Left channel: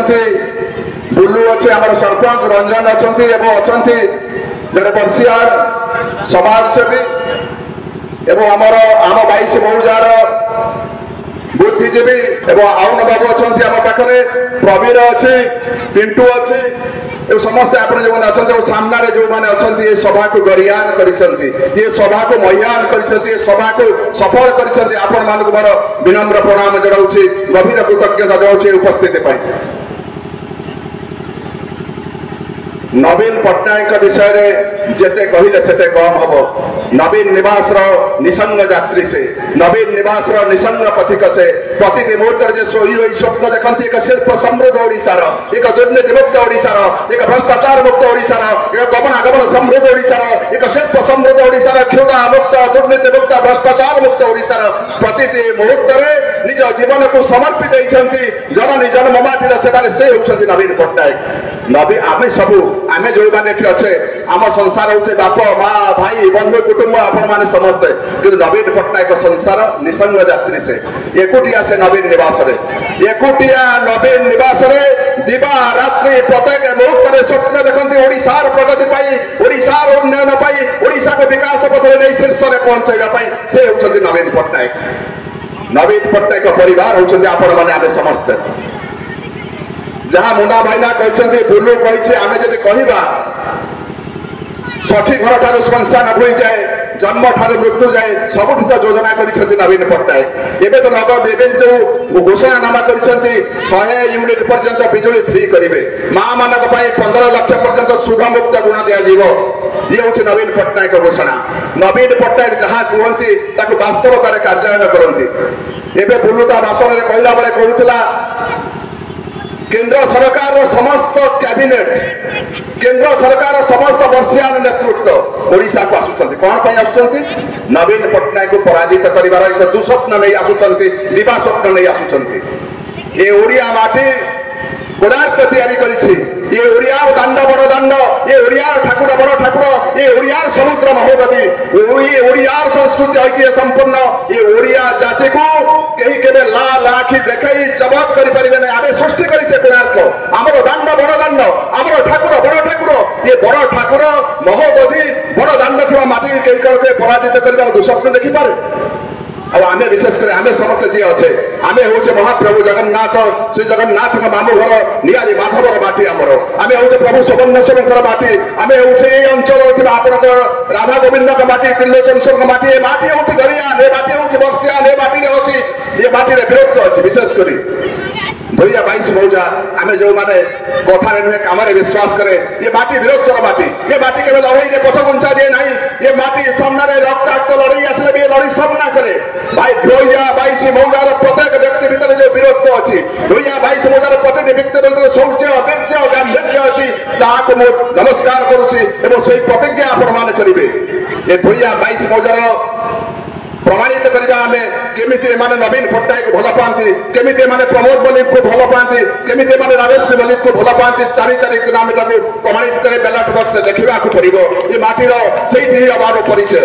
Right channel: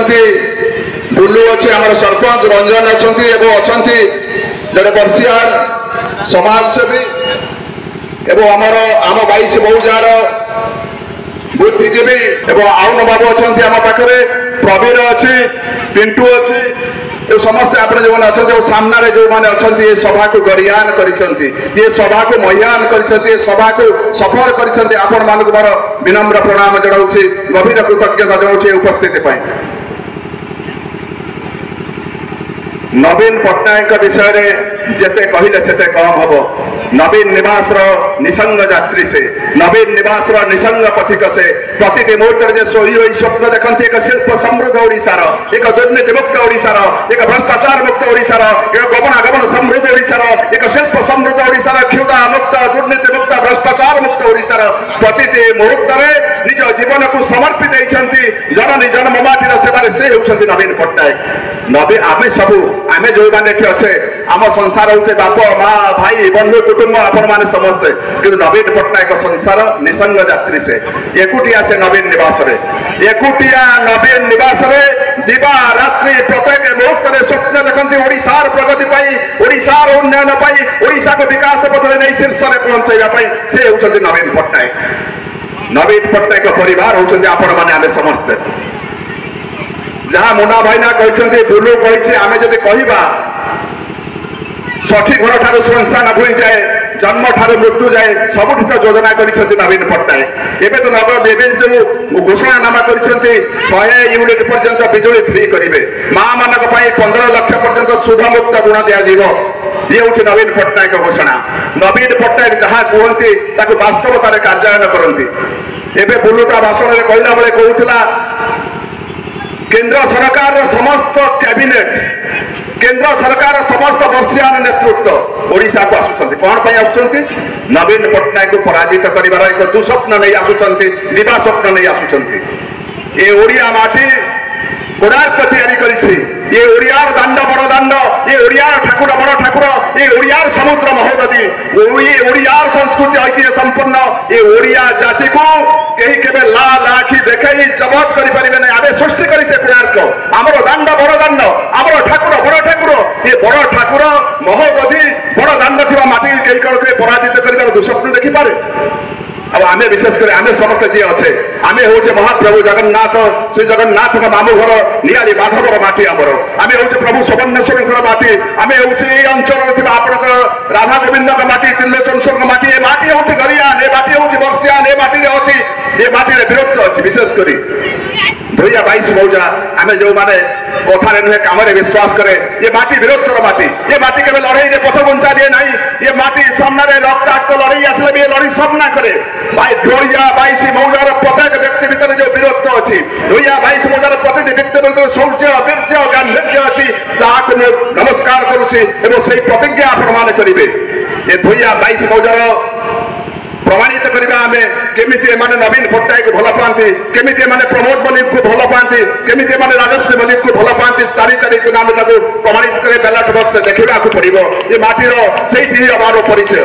अछंती बुलू अच्छे आम सरपंच रंजन अछंती एवं अछंती जड़े बर्षियार समाजसेवी एवं आम 22 मौजार बुद्धिजीवी एवं आउन बाबू अच्छा आम पाखे प्रवीर अच्छी पिंटू अच्छी समस्ते आप जो अच्छा सामने जो मैंने अच्छा ये सभा को गरियान कर सभा को महियान कर सभा को सफल कर मोर विनम्र प्रणाम जनाऊँ गभीर कृतज्ञता जनाऊँ उपस्थिति। नवीन पट्टनायक विषय रे जेते कहले सेते कम हम। नवीन निवास निसंग यात्री से नवीन निवास निसंग पथिक से प्रति मुहूर्त जे सोई रही स्वप्न देखती एक शिल्प समृद्ध ओडिशार एक दुर्नीति मुक्त ओडिशार एक भ्रष्टाचार मुक्त ओडिशार एक गमनागमन समृद्ध ओडिशार एक शिल्प समृद्ध ओडिशार क्षुधा मुक्त दुर्नीति मुक्त भ्रष्टाचार मुक्त ओडिशार प्रति मुहूर्त निज जीवन को समर्पित जननी जन्ममाटीर सेवारे से होउछंती नवीन पट्टनायक। नवीन आमे सबू आमे जो मैंने अच्छे आम संसार होचे बाप माँ भाई बंधु कुटुंब आपण मैंने समस्ते कि नवीन पट्टनायक संसार निसंग यात्री से एकुटिया से नवीन निवास रे एकुटिया नवीन निवास रे दिवा रात्रि प्रत्येक मुहूर्त में स्वप्न देखती ओडिशार प्रगति पाई ओडिशार उन्नयन पाई ओडिशा को विकास पथरे नहीं शीर्ष में पहुंचाई से होउछंती नवीन पट्टनायक। नवीन पट्टनायक परिवार होउछंती आपण माने आमे समस्ते जहाँ मुन्ना भाईना कहते बुलू कही आम जब कह षठी घर ठार श्मशान भूई जाए जन्म ठार मृत्यु जाए सबुठ तो योजना कर नवीन पट्टनायक। एवं तो नगद एवं जो घोषणानामा कर 100 यूनिट पर्यंत बिजुली फ्री करेंगे माँ मान 15 लाख पर्यंत शुभ मुक्त गुण दिज्व ये हूँ नवीन पट्टनायक घोषणा। नवीन पट्टनायक जहाँ कहते वास्तवतार कार्यान्वयन करती। एवं बुलूटा भाषण में कहला बेले कहूला केंद्र सरकार समस्त कैबिनेट केंद्र सरकार समस्त वर्षियान नेतृत्व ओडिशा को आसुचंती कौन पे आसुचंती नवीन पट्टनायक को पराजित करिवार एक दुस्वप्न नहीं आसुचंती दिवा स्वप्न नहीं आसुचंती। ये ओडिया माटी कोणार्क तैयारी करिछि ये ओडियार दांड बड़ दांड ये ओडियार ठाकुर बड़ ठाकुर ये ओडियार समुद्र महोदधी ये ओडियार संस्कृति ऐतिह्य संपन्न ये ओडिया जाति को कहीं केबे लाल आखि देखई जबत करि परिबे नै आबे सृष्टि करि से कोणार्क हमरो दांड बड़ दांड हमरो ठाकुर बड़ ठाकुर ये बड़ ठाकुर महोदधी बड़ दांड थिबा माटी कहीं कल के पराजित करिवार दुस्वप्न देखि पारे। अब आमे विशेषकर आमे समस्त जी अच्छे आमे हूँ महाप्रभु जगन्नाथ श्री जगन्नाथ मामू घर नियाली माधवर माटी आमर आमे हूँ प्रभु सुवर्णेश्वर माटी आमे हूँ ये अंचल आपण राधा गोविंद माटी त्रिलोचन माटी ये माटी हूँ गरियान ये माटी हूँ वर्षियान ये माटी अच्छी ये माटी वीरत्व अच्छी विशेषकर भैया 22 मौजा आमे जो माने कथा नुहे काम विश्वास करे ये माटी वीरत्वर माटी ये माटी के लड़ाई पछघुंचा दिए ना ये माटी सामने रक्ताक्त लड़ाई आसले भी लड़ी सब ना करे भाई भैया 22 मौजार प्रत्येक व्यक्ति भीतर जो वीरत्व अच्छी भैया 22 मौजार प्रत्येक व्यक्ति भीतर शौर्य वीर्य गांभीर्य अच्छी ताकू मु नमस्कार करुछि एवं से प्रतिज्ञा आपण माने करिवे ये भैया 22 मौजार प्रमाणित करवा आम केमिति माने नवीन पट्टनायक भल पाती केमिति माने प्रमोद मल्लिक को भल पाती केमिति माने राजश्री मल्लिक को भल पाती 4 तारीख दिन आम प्रमाणित करे बैलेट बॉक्स देखा पड़ो ये माटीर से परिचय।